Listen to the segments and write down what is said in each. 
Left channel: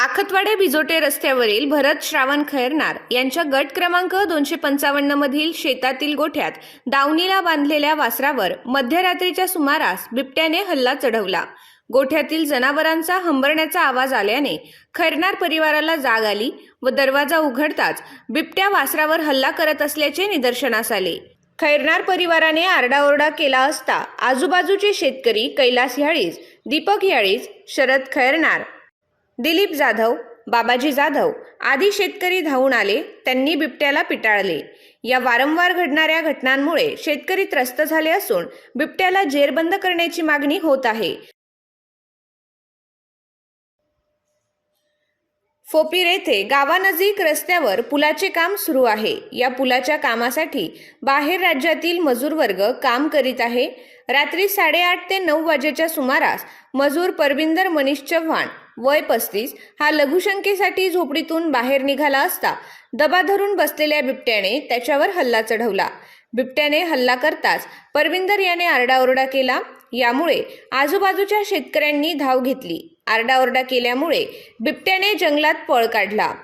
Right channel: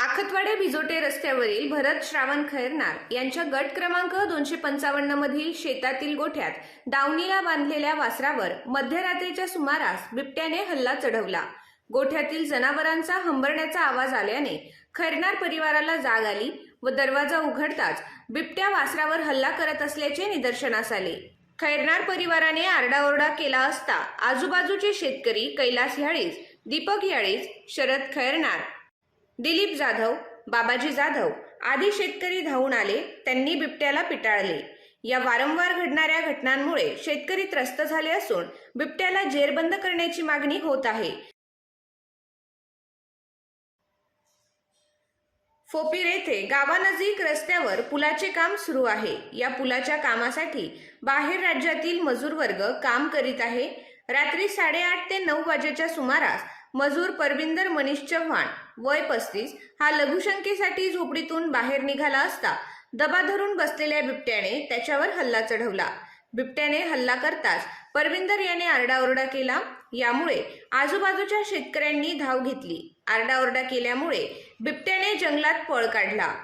आखतवाडे बिजोटे रस्त्यावरील भरत श्रावण खैरनार यांच्या गट क्रमांक दोनशे पंचावन्न मधील शेतातील गोठ्यात दावणीला बांधलेल्या वासरावर मध्यरात्रीच्या सुमारास बिबट्याने हल्ला चढवला. गोठ्यातील जनावरांचा हंबरण्याचा आवाज आल्याने खैरनार परिवाराला जाग आली व दरवाजा उघडताच बिबट्या वासरावर हल्ला करत असल्याचे निदर्शनास आले. खैरनार परिवाराने आरडाओरडा केला असता आजूबाजूचे शेतकरी कैलास याळीज दीपक याळीज शरद खैरनार दिलीप जाधव बाबाजी जाधव आदी शेतकरी धावून आले त्यांनी बिबट्याला पिटाळले. या वारंवार घडणाऱ्या घटनांमुळे शेतकरी त्रस्त झाले असून बिबट्याला जेरबंद करण्याची मागणी होत आहे. फोपीर येथे गावानजीक रस्त्यावर पुलाचे काम सुरू आहे. या पुलाच्या कामासाठी बाहेर राज्यातील मजूर वर्ग काम करीत आहे. रात्री साडेआठ ते नऊ वाजेच्या सुमारास मजूर परविंदर मनीष चव्हाण वय पस्तीस हा लघुशंकेसाठी झोपडीतून बाहेर निघाला असता दबा धरून बसलेल्या बिबट्याने त्याच्यावर हल्ला चढवला. बिबट्याने हल्ला करताच परविंदर याने आरडाओरडा केला. यामुळे आजूबाजूच्या शेतकऱ्यांनी धाव घेतली. आरडाओरडा केल्यामुळे बिबट्याने जंगलात पळ काढला.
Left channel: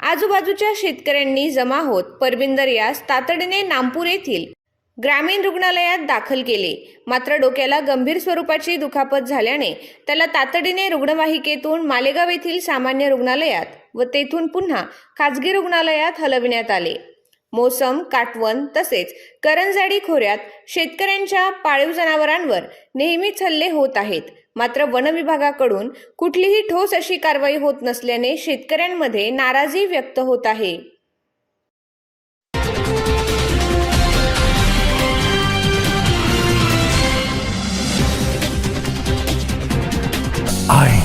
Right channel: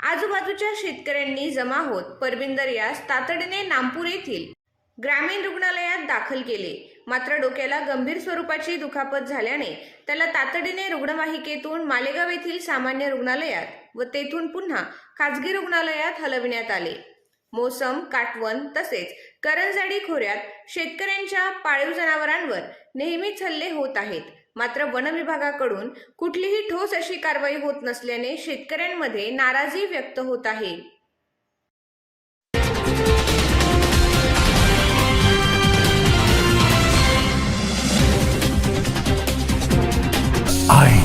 आजूबाजूच्या शेतकऱ्यांनी जमा होत परविंदर यास तातडीने नामपूर येथील ग्रामीण रुग्णालयात दाखल केले. मात्र डोक्याला गंभीर स्वरूपाची दुखापत झाल्याने त्याला तातडीने रुग्णवाहिकेतून मालेगाव येथील सामान्य रुग्णालयात व तेथून पुन्हा खाजगी रुग्णालयात हलविण्यात आले. मोसम काटवण तसेच करंजाडी खोऱ्यात शेतकऱ्यांच्या पाळीव जनावरांवर नेहमीच हल्ले होत आहेत. मात्र वन विभागाकडून कुठलीही ठोस अशी कारवाई होत नसल्याने शेतकऱ्यांमध्ये नाराजी व्यक्त होत आहे. I